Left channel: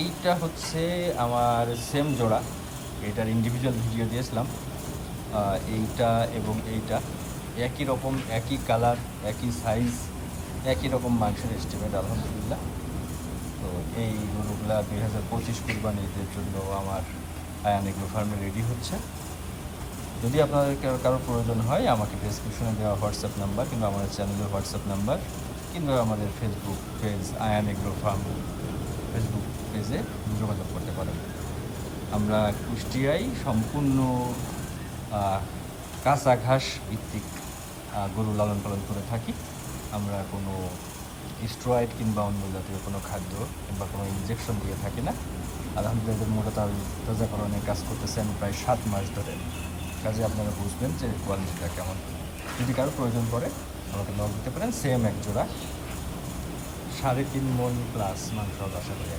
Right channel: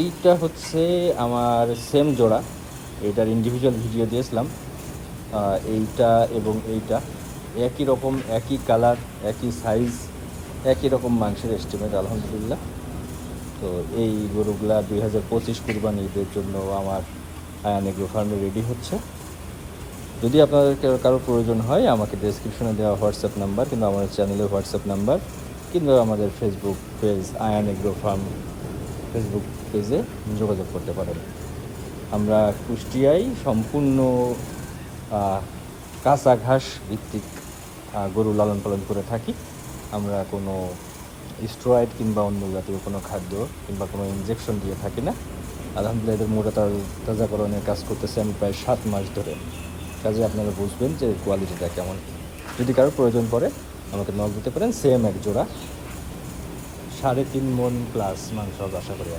এইটা হচ্ছে আমার সেম জোড়া, এইটার ইন্ডিভিজুয়াল ভিডিও দিয়েছিলাম। এইটা এবং এইটা একই রকম, একই কালার, একই সাইজ, একই রকম মাংসের এস্টিমেট আলহামদুলিল্লাহ। তো এই গরুগুলা 2025 কুরবানি ঈদের জন্য আমার আয়ান এগ্রো ফার্মে রেডি হচ্ছে। যদি আপনাদের কারো প্রয়োজন হয়, আমাকে ডেসক্রিপশনে দেওয়া হোয়াটসঅ্যাপ নাম্বার কিংবা আমাদের চ্যানেলের হোয়াটসঅ্যাপ নাম্বার কিংবা আমাদের Facebook page Ayan agro farm Facebook পেজে যোগাযোগ করতে পারেন। আমরা কুষ্টিয়ায় সম্পূর্ণ কাঁচা ঘাস ভিত্তিক গরু লালন পালন করে থাকি। আমরা কোনো স্টেরয়েড কিংবা অন্য জাতীয় কোনো খাদ্য কিংবা কোনো ইনজেকশন দিয়ে থাকি না। আলহামদুলিল্লাহ এটা মূলকতার তাজাকরণের কাজ করতেছি আমি প্রায় 7 মাস ধরে। কাজে আপনারা বুঝবেন যে কোয়ালিটিটা কেমন। যদি কারো প্রয়োজন পড়ে আমাকে নক দিতে পারেন। সেম এক জোড়া 3.5 মণ প্লাস মাংস আশা করি।